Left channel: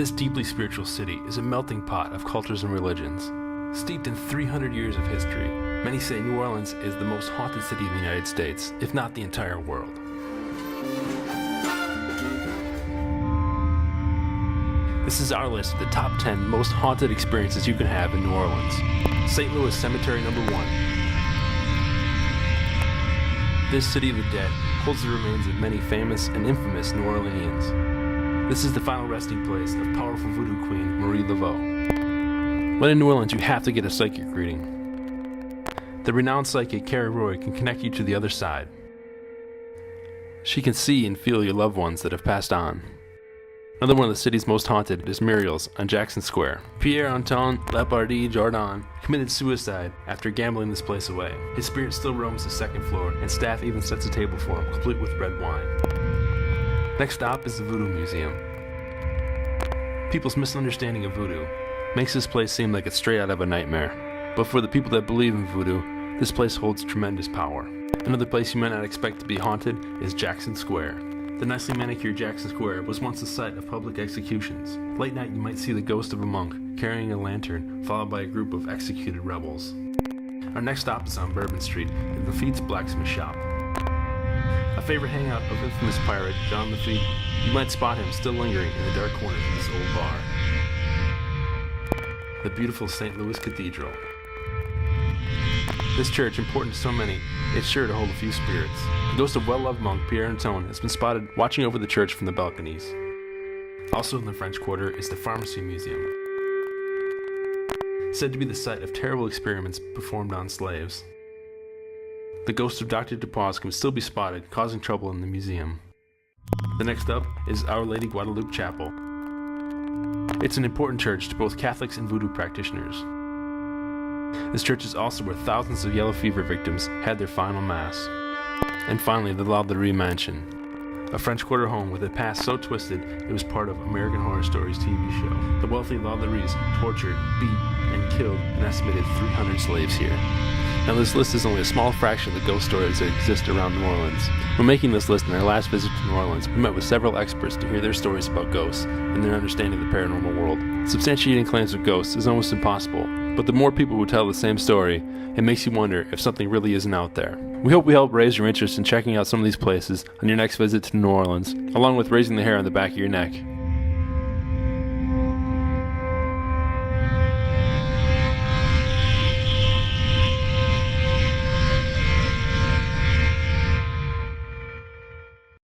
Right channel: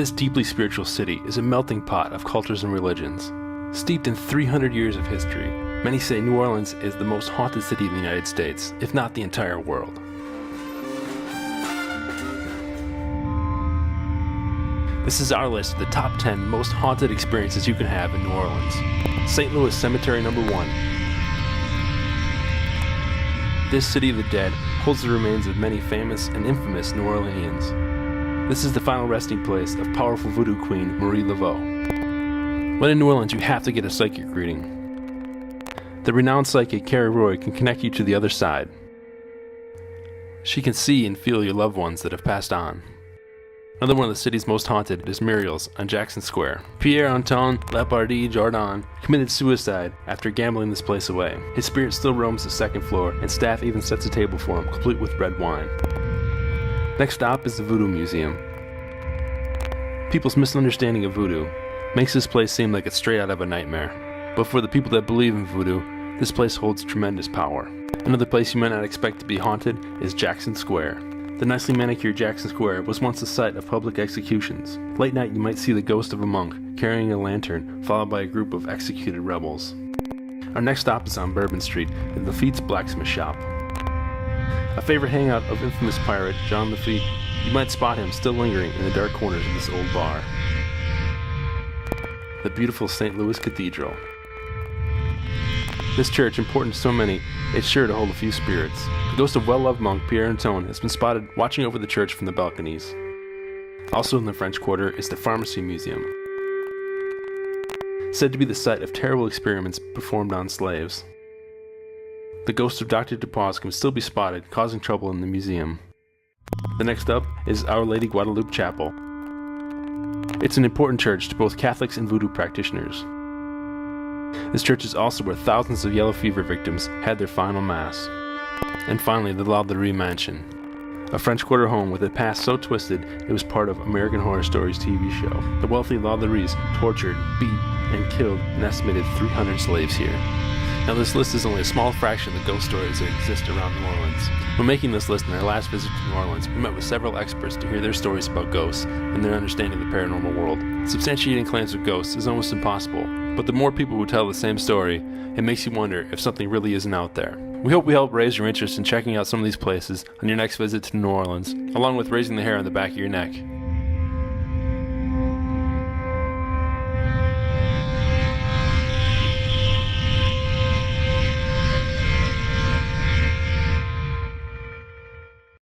This deeply spiritual city is a melting pot of cultures and religions. Steeped in 300 years of history, many say New Orleans is the most haunted city in the United States, if not the entire world. This is our list of the top 10 most haunted experiences you can have in New Orleans. St. Louis Cemetery number 1. This city of the dead holds the remains of many famous and infamous New Orleanians. This is the final resting place of powerful voodoo queen Marie Laveau. When in New Orleans, you have to get a psychic reading. The renowned psychic Carrie Roy can connect you to the other side. She can see and feel your loved ones that have passed on. Another one of the city's most haunted is MURIEL'S on Jackson Square. Pierre-Antoine Lapardie-Jardin committed suicide after gambling this place away. His spirit still roams the second floor, and staff even sets a table for him, complete with red wine. Next stop is the Voodoo Museum. People's misunderstanding of voodoo makes this place seem like it's straight out of a nightmare. But for the people that believe in voodoo, this place holds tremendous power. Another place you might not expect to be haunted is Jackson Square. The nicely manicured Jackson Square was once the site of public executions. Late night you might see the ghost of a monk carrying a lantern, followed by a group of executed rebels. Our next stop is on Bourbon Street in Lafitte's blacksmith shop. A favorite hangout of infamous pirate John Lafitte, you might spot him still lingering in the dark corners of this old bar. The beautiful St. Louis Cathedral. This church, important to so many, is sure to hold a few spirits. The ghost of well-loved monk Pierre-Antoine has been spotted watching over the church from the balconies. Also in the French Quarter is the Pharmacy Museum, said to be the site of terrible experiments performed on slaves. The ghost of Dr. Dupas can still be spotted, causing trouble in the museum. The next up is Our Lady Guadalupe Chapel. It's an important church to both Catholics and voodoo practitioners. This church is also where thousands of yellow fever victims had their final mass. And finally, the LALAURIE Mansion, a French Quarter home with a past so twisted it was part of American Horror Stories TV show. The wealthy LALAURIEs tortured, beat, and killed an estimated 300 slaves here. Now this list is only a small fraction of the ghost stories that exist around New Orleans. When making this list in our last visit to New Orleans, we met with several experts to hear their stories about ghosts and their understanding of the paranormal world. Substantiating claims of ghosts is almost impossible, but the more people who tell the same story, it makes you wonder if something really isn't out there. We hope we help raise your interest in checking out some of these places on your next visit to New Orleans, along with raising the hair on the back of your neck.